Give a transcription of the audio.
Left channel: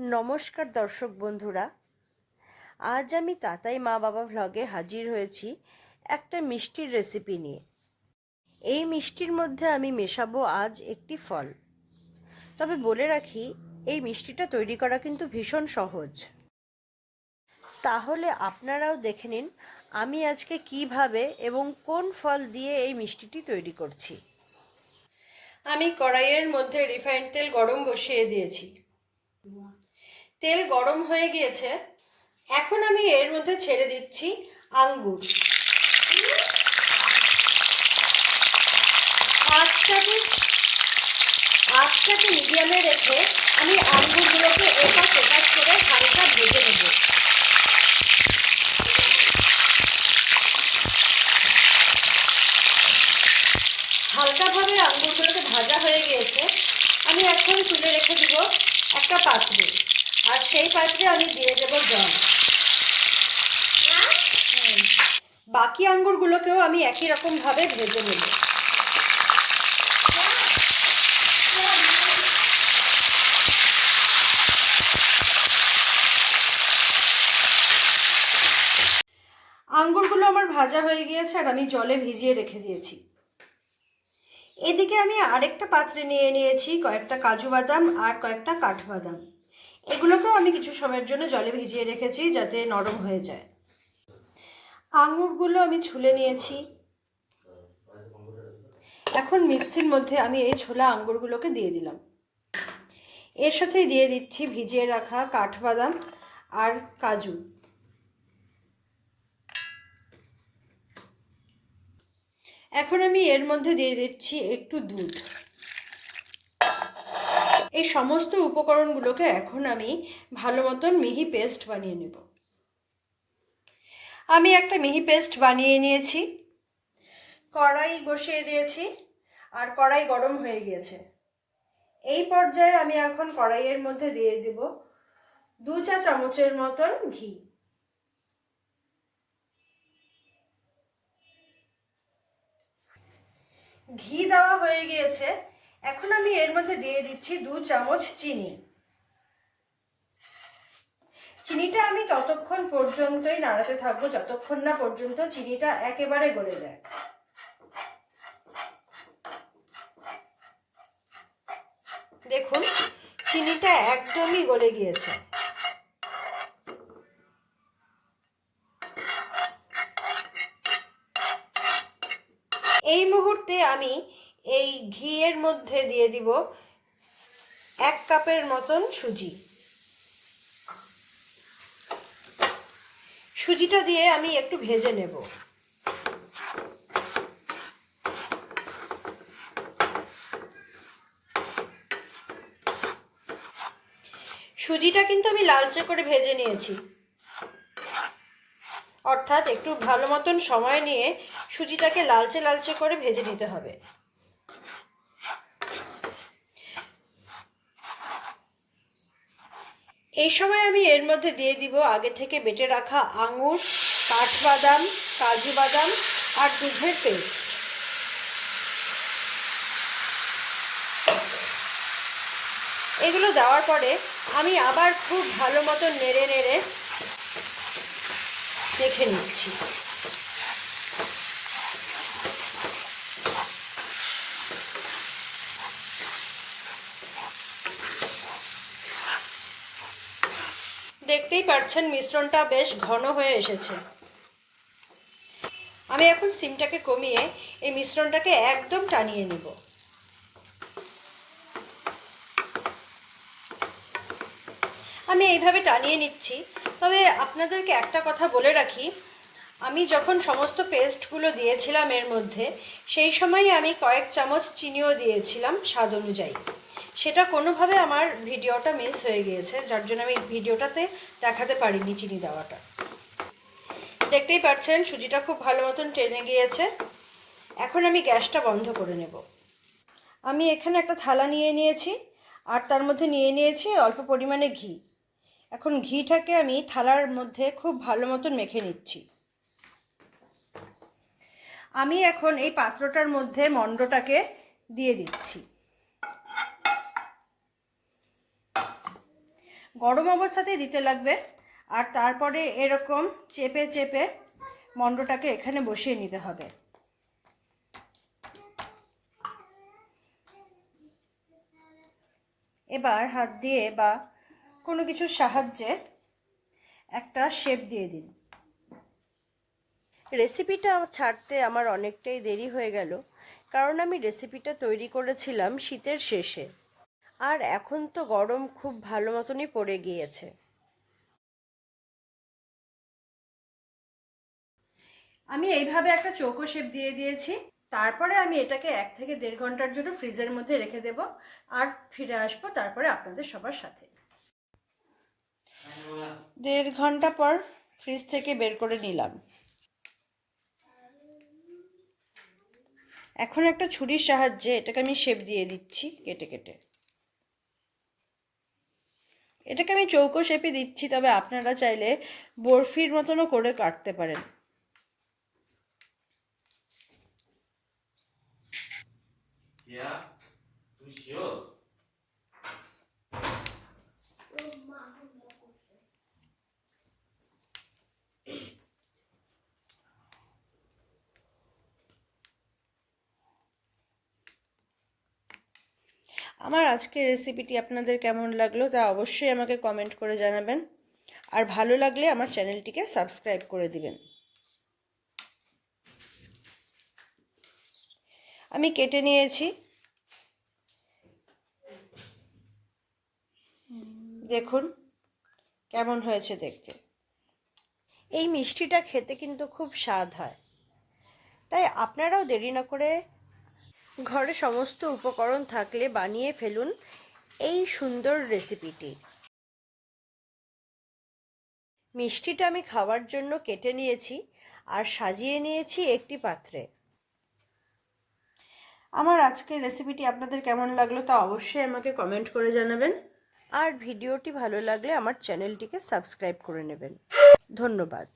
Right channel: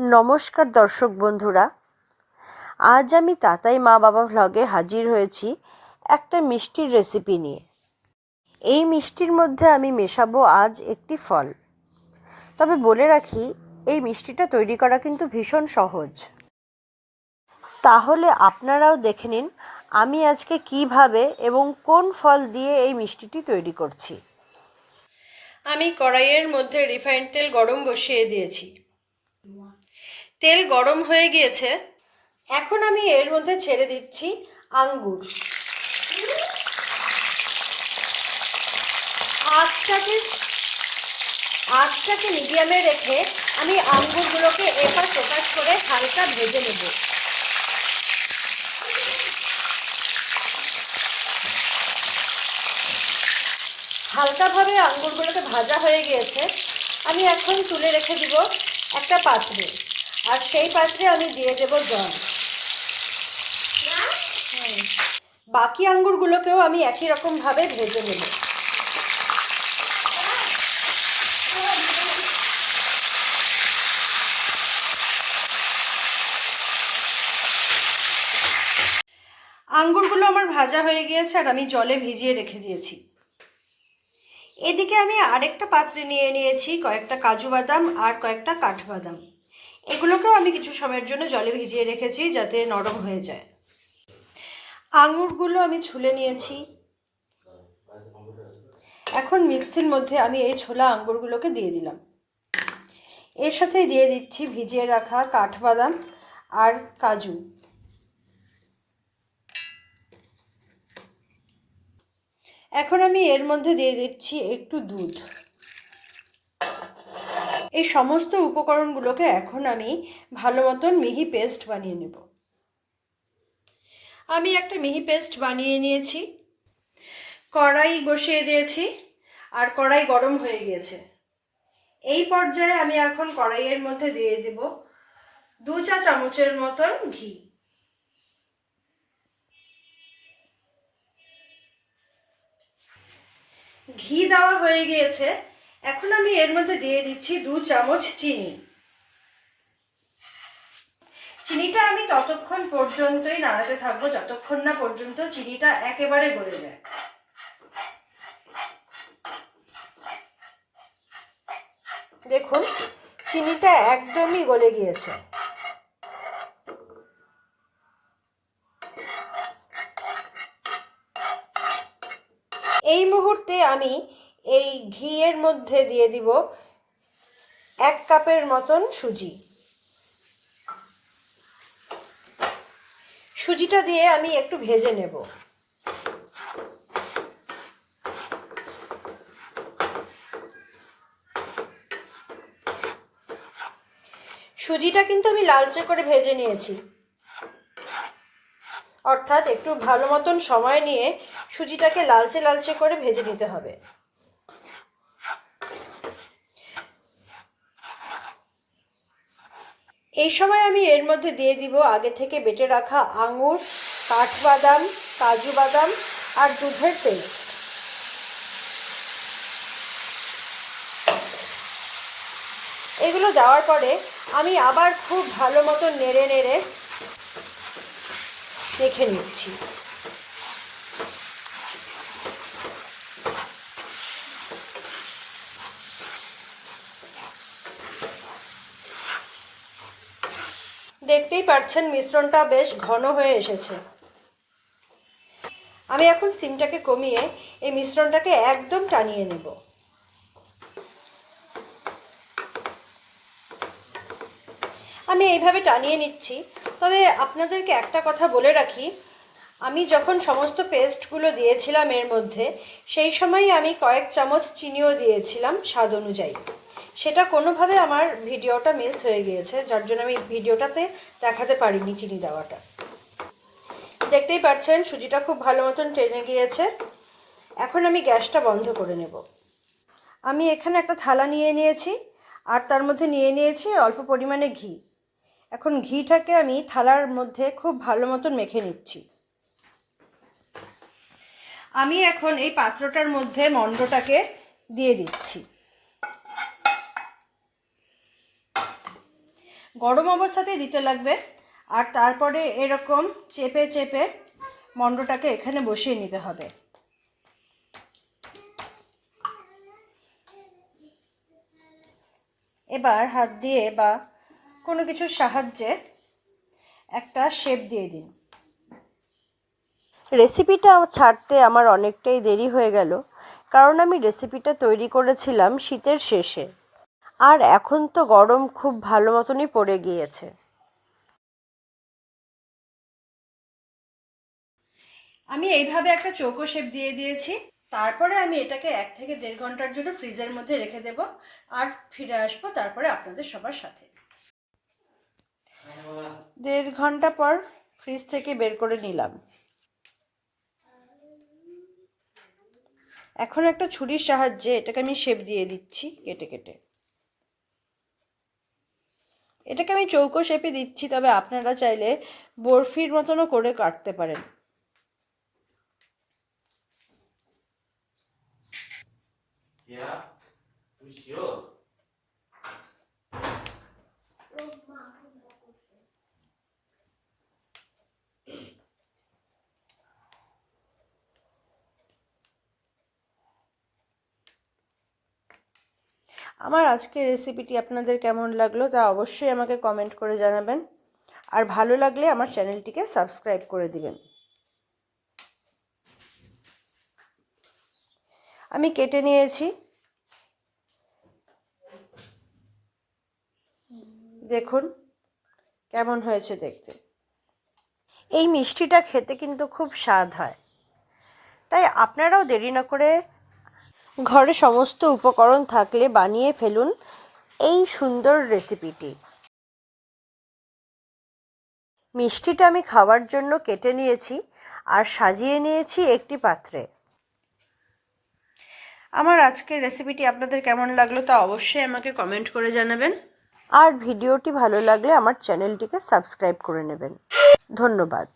নমস্কার দর্শক বন্ধুরা, আজ আমি তাতাই মা বাবা ভ্লগে হাজির হয়েছি একটা মিষ্টির রেসিপি নিয়ে। এই মিষ্টির মধ্যে আমি মেশাবো আজ একটি ফল। তবে বলে রাখি, এই মিষ্টিটা তৈরি করা কিন্তু ভীষণ সহজ। তাহলে আপনারাও দেখে নিন আমি আজকে কিভাবে এবং কোন ফল দিয়ে এই মিষ্টিটি তৈরি করছি। আমি কড়াইয়ের মধ্যে রিফাইন্ড তেল গরম বসিয়ে দিয়েছি। তেল গরম হয়ে গিয়েছে, এখন আমি এর মধ্যে ছেড়ে দিচ্ছি আঙ্গুর। আঁচটাকে মিডিয়ামে রেখে আমি আঙ্গুরগুলোকে এপাশ ওপাশ করে হালকা ভেজে নেব। হালকাভাবে আঙ্গুরগুলোকে ভাজা হয়ে গিয়েছে, আমি এখন তুলে রেখে দিব একটা পাত্রে, আর সেই পাত্রে আমি দিয়ে দেব জল। বাকি আঙ্গুরগুলোকেও আমি একই রকমভাবে ভেজে নেব। আঙ্গুরগুলো আমার ভাজা হয়ে গিয়েছে আর আমি জলে ভিজিয়ে রেখে দিয়েছি। এদিকে আমি আরেকটা পাত্রে নিয়ে নিয়েছি কয়েকটা কাজু বাদাম আর কয়েকটা কাঠবাদাম। এগুলোকেও আমি কিছু সময়ের জন্য জলে ভিজিয়ে রেখেছি যাতে নরম হয়ে যায়। আঙুরগুলো আমি ছুলে নিয়েছি। এখন মিক্সির মধ্যে আমি এই ছোলা আঙ্গুরগুলোকে দিয়ে দিলাম। এর সাথেই দিয়ে দিচ্ছি ভিজিয়ে রাখা কাঠবাদাম আর কাজু। এখন আমি এর মধ্যে দিয়ে দিচ্ছি একটু দুধ। এই সমস্ত উপকরণগুলোকে এখন আমি ভালো মতন মিহি পেস্ট বানিয়ে নেব। আমি একটা মিহি পেস্ট বানিয়ে নিয়েছি। কড়াই বসিয়ে দিয়েছি আর কড়াই গরম হয়ে গিয়েছে। এই পর্যায়ে আমি এখন কড়াইয়ের মধ্যে দিয়ে দেব 2 চা চামচের মতন ঘি। ঘি দেওয়া হয়ে গিয়েছে, এখন আমি এর মধ্যে দিয়ে দিচ্ছি 2 চামচ চিনি। চিনিটা আমি ততক্ষণ পর্যন্তই নাড়াতে থাকবো যতক্ষণ না পর্যন্ত চিনিটা একেবারে গলে যায়। দেখুন, চিনিটা একদমই গলে গিয়েছে। এই মুহূর্তে আমি এই ঘিয়ের মধ্যে দিয়ে দিব 1 কাপের মতন সুজি। সুজিটা দিয়ে আমি একটু ভেজে নেব। সুজিটা কিন্তু আমি লালচে করে ভেজে নিয়েছি, অর্থাৎ একটু ভালো মতন সময় নিয়ে সুজিটাকে লালচে লালচে করে ভেজে নিতে হবে। এই সময় আমি এর মধ্যে দিয়ে দিব আগে থেকে বেটে রাখা আঙুর, কাঠবাদাম, কাজু বাদাম আর দুধের পেস্ট। এগুলো দেওয়ার পরে আমি আবার খুব ভালো মতো নেড়ে নেড়ে মেখে নিচ্ছি। দেখতেই পাচ্ছেন মিশ্রণটা বেশ ঘন হয়ে এসেছে। আমি এখন সিমটাকে কমিয়ে এই মিশ্রণটাকে একদম টানিয়ে নেব। আমি এইভাবে টানিয়ে নিচ্ছি। তবে আপনাদেরকে একটা কথা বলে রাখি, আমি যখন সমস্ত পেস্টগুলো দিয়েছিলাম এর মধ্যে, সেই সময় আমি কয়েক চামচ চিনিও দিয়েছিলাম স্বাদ অনুযায়ী। সেটা কোনোভাবে আমার ভিডিওটা মিস হয়ে গিয়েছে, যার জন্য আমি ভিডিওটাতে দেখাতে পারিনি চিনি দেওয়াটা। দেখতেই পাচ্ছেন সুজিটা খুব ভালো মতন টেনে গিয়েছে। এখন আমি গ্যাসটা বন্ধ করে নেব। আমি এখানে একটা থালা নিয়ে নিয়েছি আর তার মধ্যে নিয়ে নিয়েছি অল্প পরিমাণে ঘি। এখন ঘিটাকে আমি থালার মধ্যে খুব ভালো মতন মেখে নিচ্ছি। আমি এখন এই পাত্রটার মধ্যে মণ্ডটাকে দিয়ে দিচ্ছি। গরম অবস্থাতেই দিতে লাগবে। আর তারপরে এরকম চেপে চেপে মণ্ডটাকে এখানে বসিয়ে নিতে হবে। এবার হাত দিয়ে বা কোনো কিছুর সাহায্যে একটা শেপ দিয়ে দিন। রেসিপিটা ছাড়তে আমার অনেকটাই দেরি হয়ে গেল, কারণ আমি রেসিপিটা তৈরি করেছিলাম শীতের শেষে, আর এখন তো গরম খুব ভালো মতনই পড়ে গিয়েছে। আমি এইভাবে একটা চৌকো শেপ দিয়ে দিয়েছি। তারপরে আমি এটাকে 1 থেকে 1.5 ঘন্টার জন্য ফ্রিজের মধ্যে রেখে দেব, আর ফিরে আসবো তারপরে আপনাদের সবার সাথে। 1.5 ঘন্টা পর ফ্রিজ থেকে বের করে নিলাম। এখন একটা ছুরির সাহায্যে এটাকে আমি শেপ দিয়ে দিচ্ছি কেটে কেটে। এটাকে আমি চৌকো শেপে দিচ্ছি, তবে আপনারা চাইলে বরফির মতনও করে কাটতে পারেন। আমার আজকের রেসিপিটি আপনাদের কেমন লাগলো তা অবশ্যই আমাকে কমেন্ট করে জানাবেন, আর ভালো লাগলে আমার চ্যানেলটিকে সাবস্ক্রাইব করে দিবেন। আমি কেটে নিয়েছি, দেখুন কেমন হয়েছে দেখতে। এই মিষ্টিটা খেতে কিন্তু খুব স্বাদ হয়, তাই আপনারাও দেরি না করে ঘরে সমস্ত উপকরণ থাকলে বানিয়ে ফেলুন এই সুন্দর রেসিপিটি। মিষ্টিটা আমি খাওয়ার জন্য কেটে নিয়েছি আর সাজিয়ে নিয়েছি একটি পাত্রে। আমার আজকের রেসিপিটি আপনাদের কেমন লাগলো তা অবশ্যই আমাকে কমেন্ট করে জানাবেন, আর ভিডিওটি ভালো লাগলে আমার চ্যানেলটিকে সাবস্ক্রাইব করে নেবেন। ধন্যবাদ।